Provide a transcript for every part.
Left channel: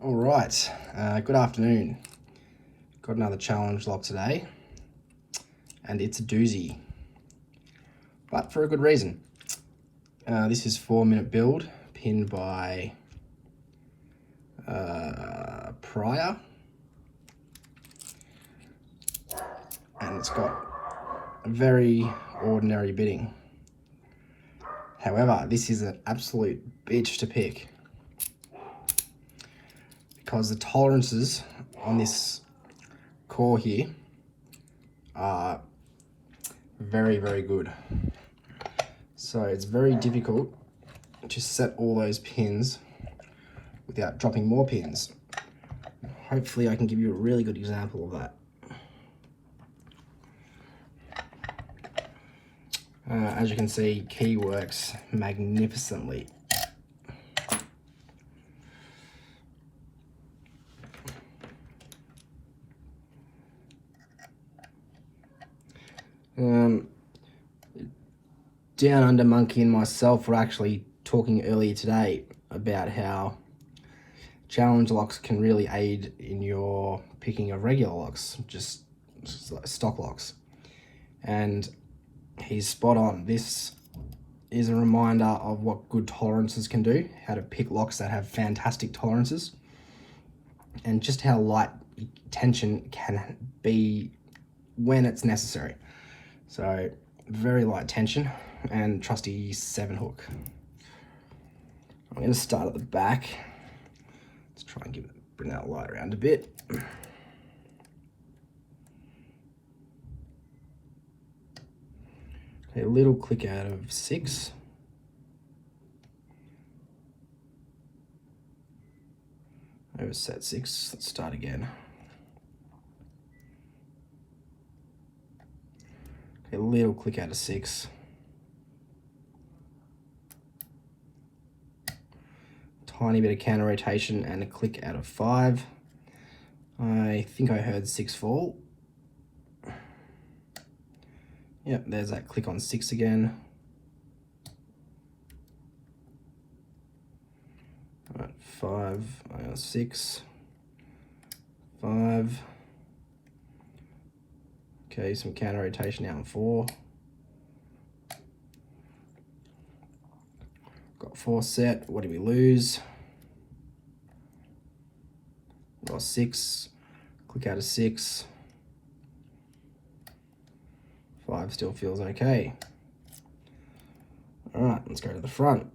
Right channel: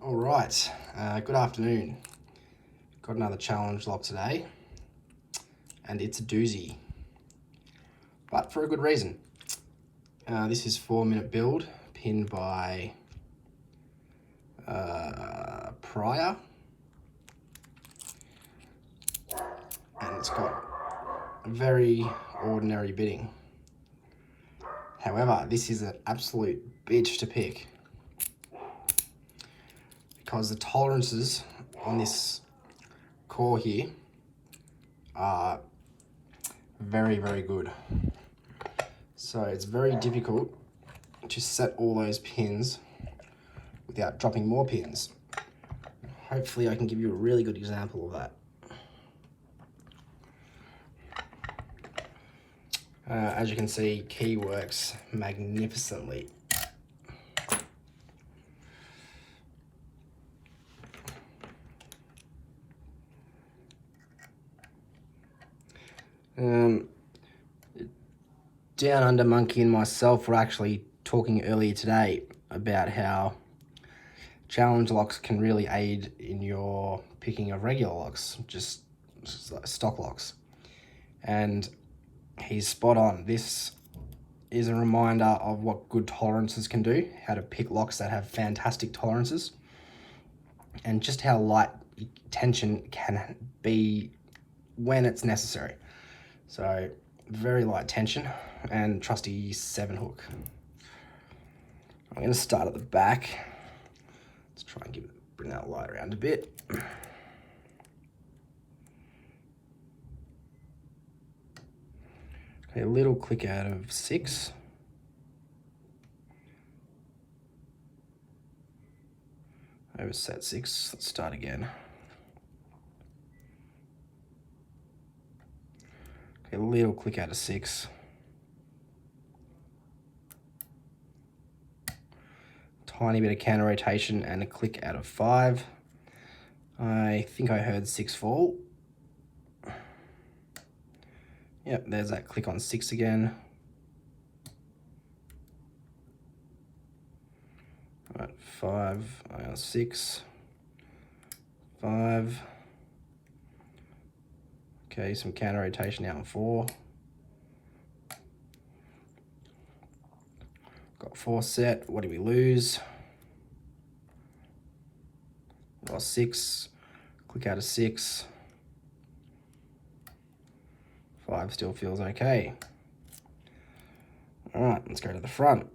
All right, good afternoon. Got another challenge lock today, and it's a doozy, but for a good reason. This is 4-minute build, pinned by Priyer, and it's got a very ordinary bidding. However, this is an absolute bitch to pick because the tolerances on this core here are very, very good. So it's very difficult to set all those pins without dropping more pins. Hopefully I can give you a really good example of that. As you can see, key works magnificently. Down Under Monkey and myself were actually talking earlier today about how challenge locks can really aid in your picking of regular locks, just like stock locks. And he's spot on. This is a reminder of what good tolerances can do, how to pick locks that have fantastic tolerances, and just how light tension can be when it's necessary. So very light tension and trusty 7 hook. I'm going to start at the back. Let's try and bring that light around a bit. Okay, a little click out of 6. Overset 6. Let's start again. Okay, a little click out of 6. Tiny bit of counter rotation and a click out of 5. I think I heard 6 fall. Yep, there's that click on 6 again. Right, 5, 6, 5. Okay, some counter rotation out in 4. Got 4 set. What do we lose? Got 6. Click out of 6. 5 still feels okay. All right, let's go to the front.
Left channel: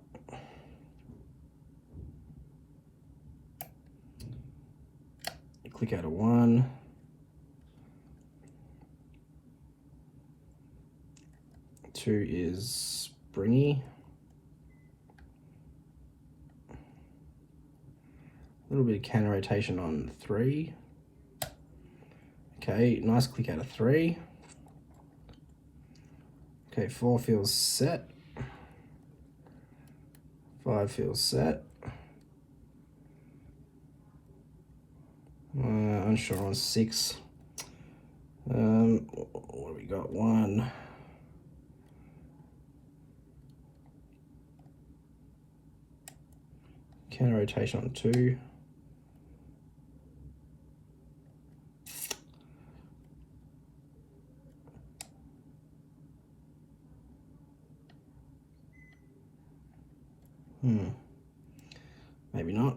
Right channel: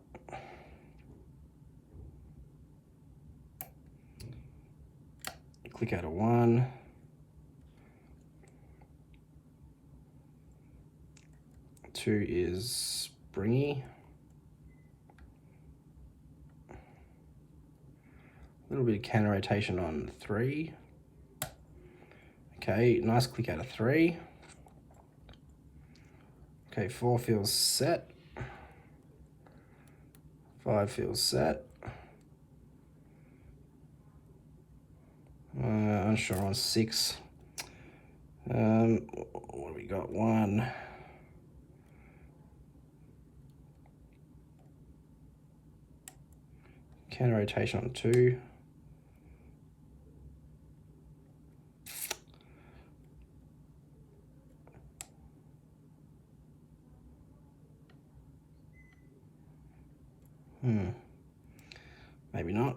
Click out of 1. 2 is springy. A little bit of counter rotation on 3. Okay, nice click out of 3. Okay, 4 feels set. 5 feels set. Unsure on 6. What do we got? 1. Counter rotation on 2. Maybe not.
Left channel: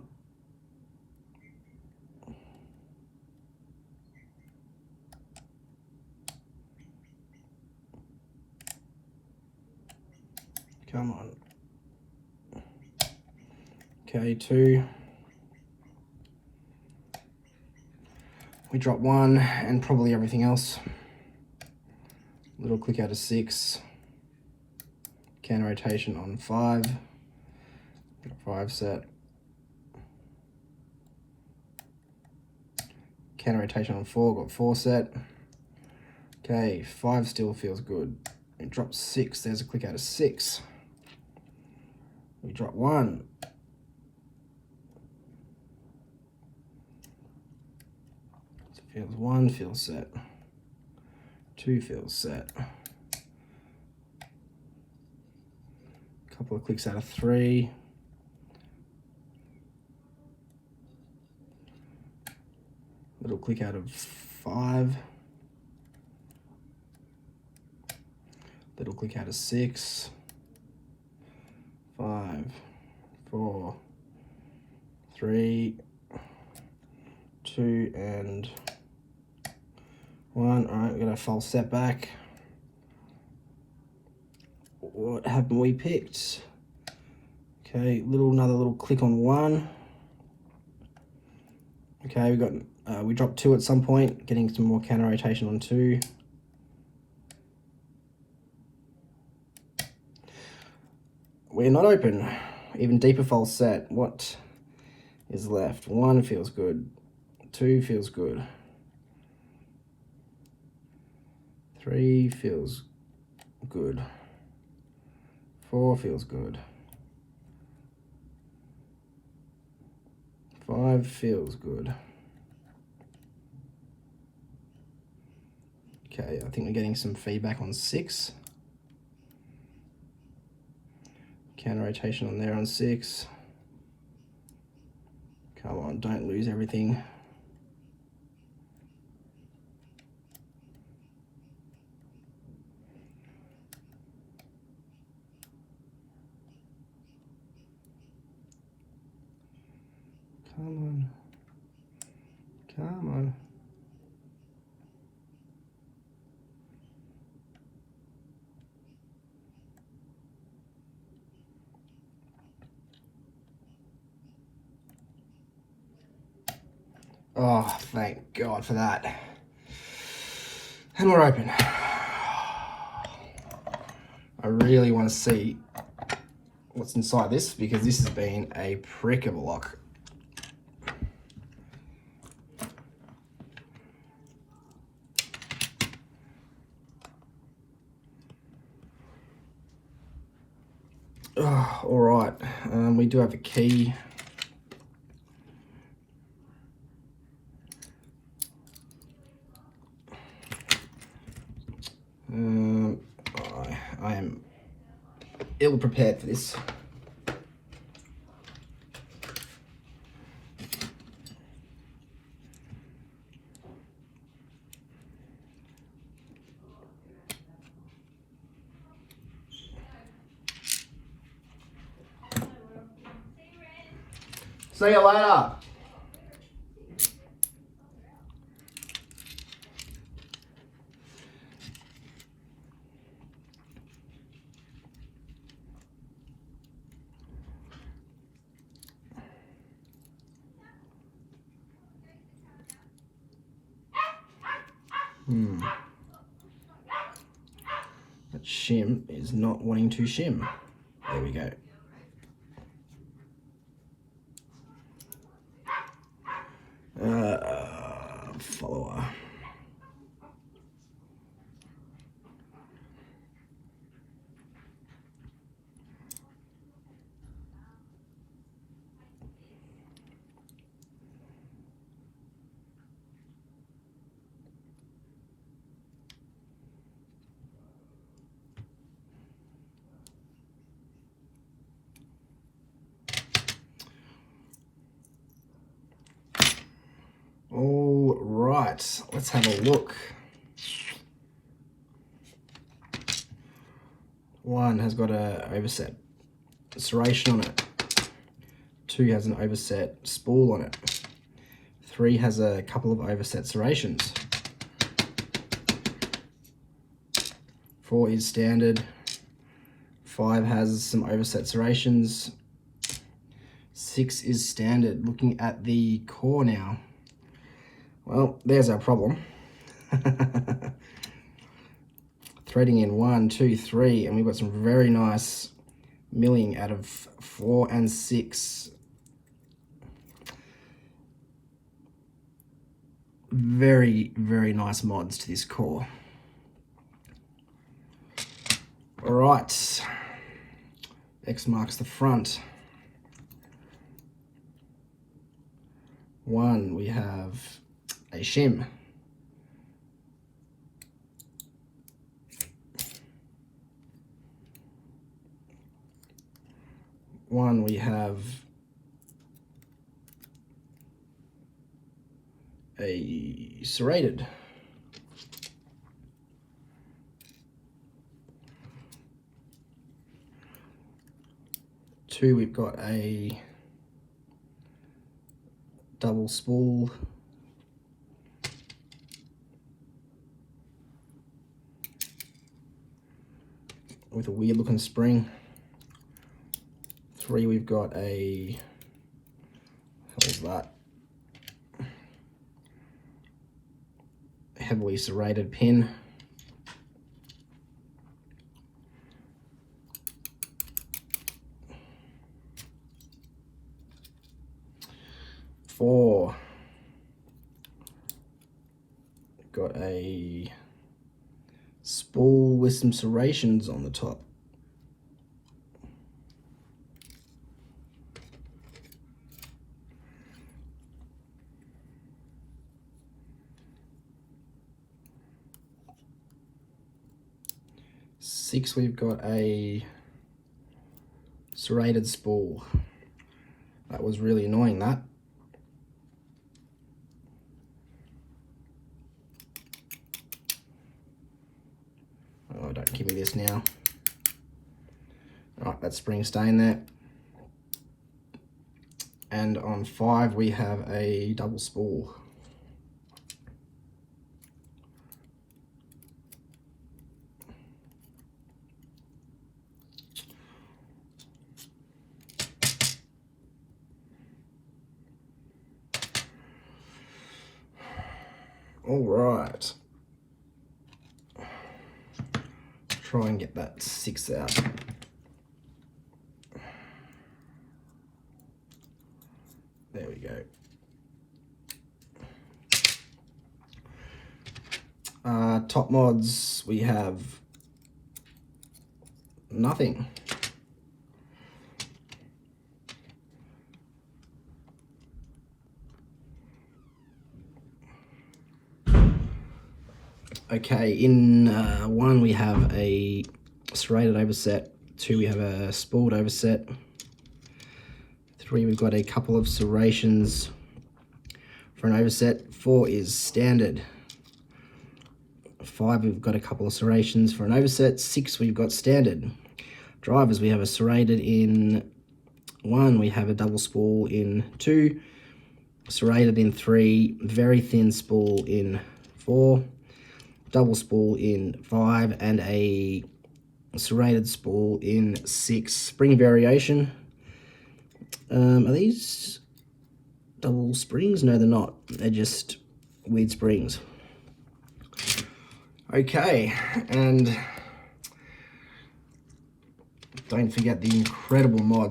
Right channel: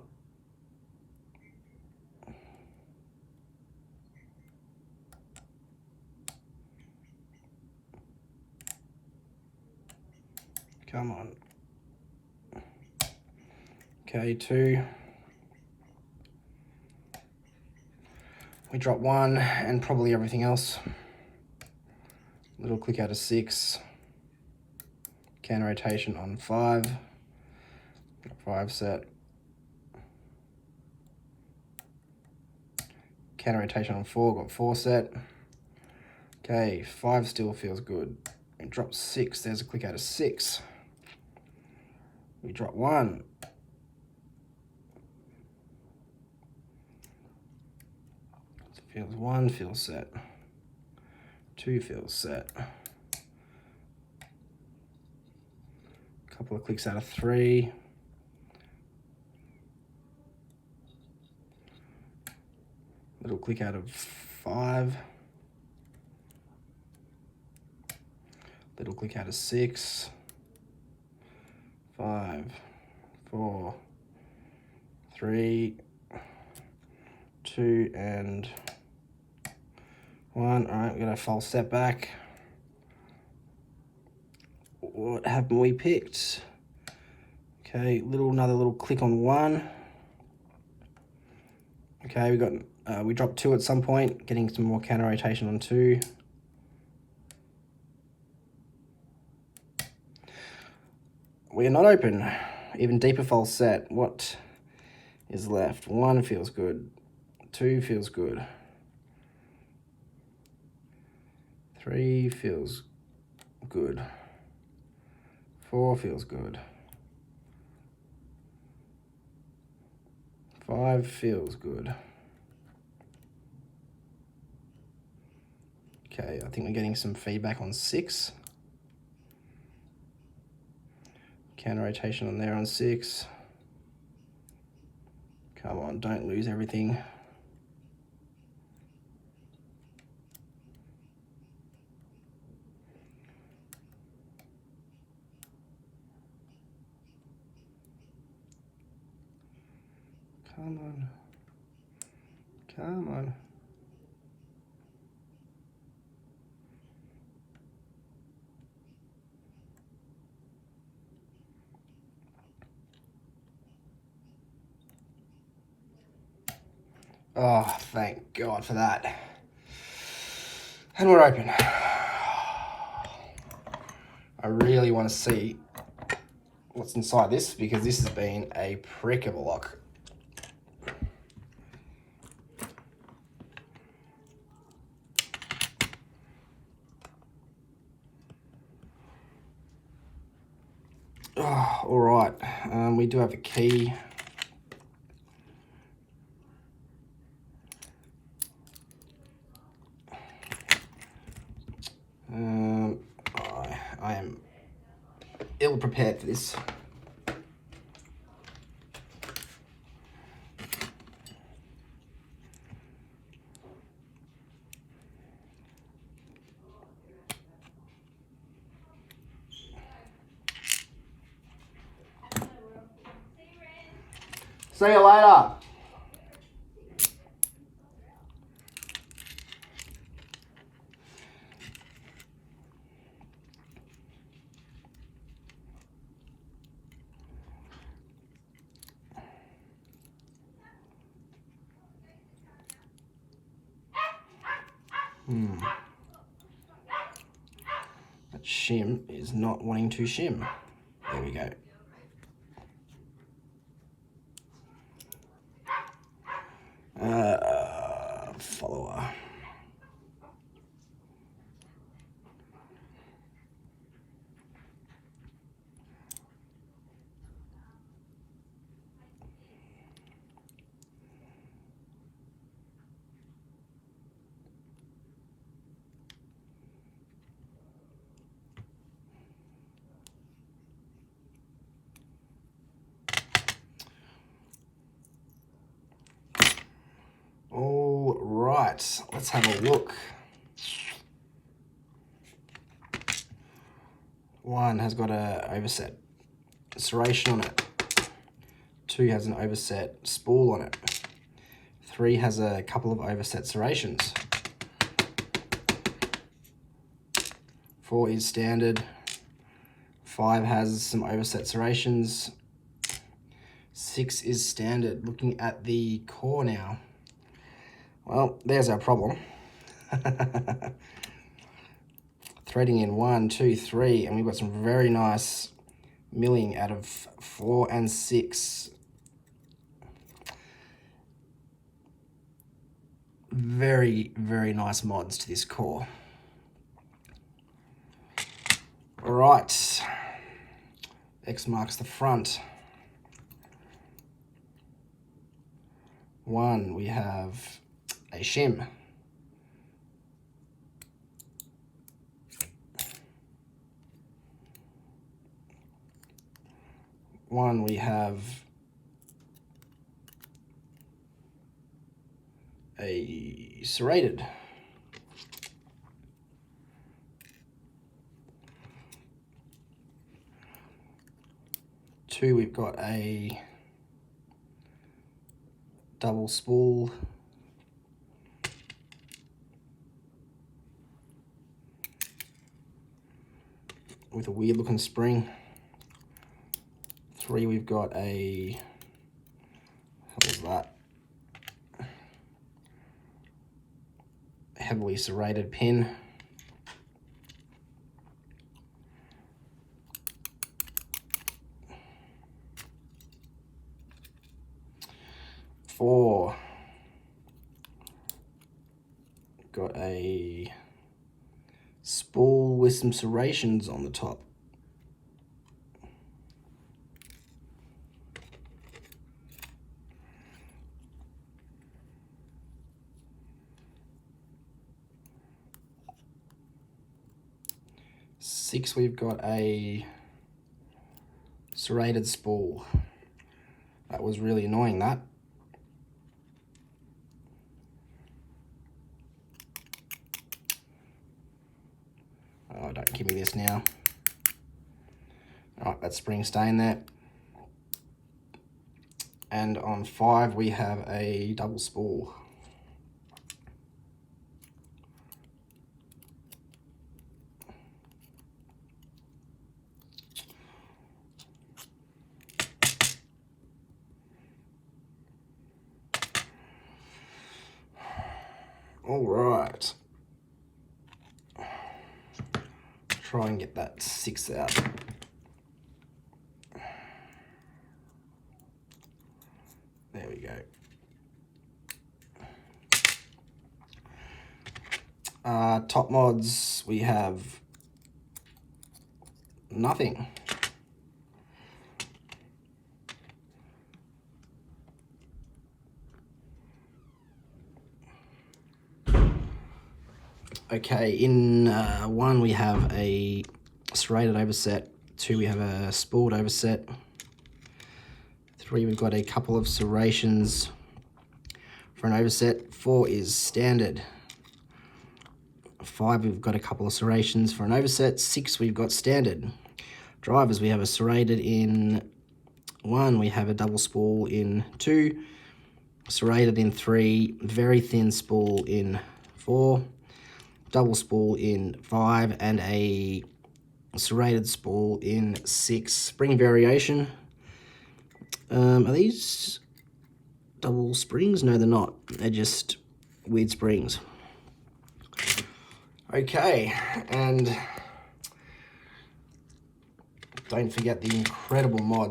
Come on. Okay, 2. We drop 1 and probably everything else. Little click out of 6. Counter rotation on 5. 5 set. Counter rotation on 4, got 4 set. Okay, 5 still feels good. We drop 6, there's a click out of 6. We drop 1. Feels 1, feels set. 2 feels set. Couple of clicks out of 3. Little click out of 5. Little click out of 6. 5, 4, 3, 2, and 1. All right, we're gonna false step back. What haven't we picked? Okay, another little click on 1. Okay, we dropped 2 at some point, getting some more counter rotation on 2. We're not open. Even deeper false set. What is left? 1 feels good. 2 feels good. 3 feels good. 4 feels good. 5 feels good. Okay, I think we're getting some feedback on 6. Counter rotation on there on 6. Come on, don't lose everything. Come on. Come on. Oh, thank God for that. And we're open. I really want to see what's inside this because this has been a prick of a lock. Oh, all right, we do have a key. I am ill prepared for this. See you later. That shim is not wanting to shim. There we go. Follower. All right, let's have a look. 1 has got a overset serration on it. 2 has an overset spool on it. 3 has a couple of overset serrations. 4 is standard. 5 has some overset serrations. 6 is standard. Looking at the core now. Well, there's our problem. Threading in 1, 2, 3, and we've got some very nice milling out of 4 and 6. Very, very nice mods to this core. All right, X marks the front. 1, we have a shim. 1, we have a serrated. Two, we've got a double spool. With a weird looking spring. Three, we've got a, what is that? Heavily serrated pin. Four, got a spool with some serrations on the top. Six, we've got a serrated spool. That was really annoying, that. Oh, don't give me this now. All right, that spring's staying there. And on five, we have a double spool. All right. Try and get that six out. There we go. Top mods, we have nothing. Okay, in one we have a serrated overset. Two, we have a spooled overset. Three, we've got a couple of serrations for an overset. Four is standard. Five, we've got a couple of serrations for an overset. Six, we've got standard. Drivers, we have a serrated in one. We have a double spool in two. Serrated in three. Very thin spool in four. Double spool in five. And a serrated spool in six. Spring variation. Are these double springs? No, they're not. They're just weird springs. Okay, and don't forget the incredible mods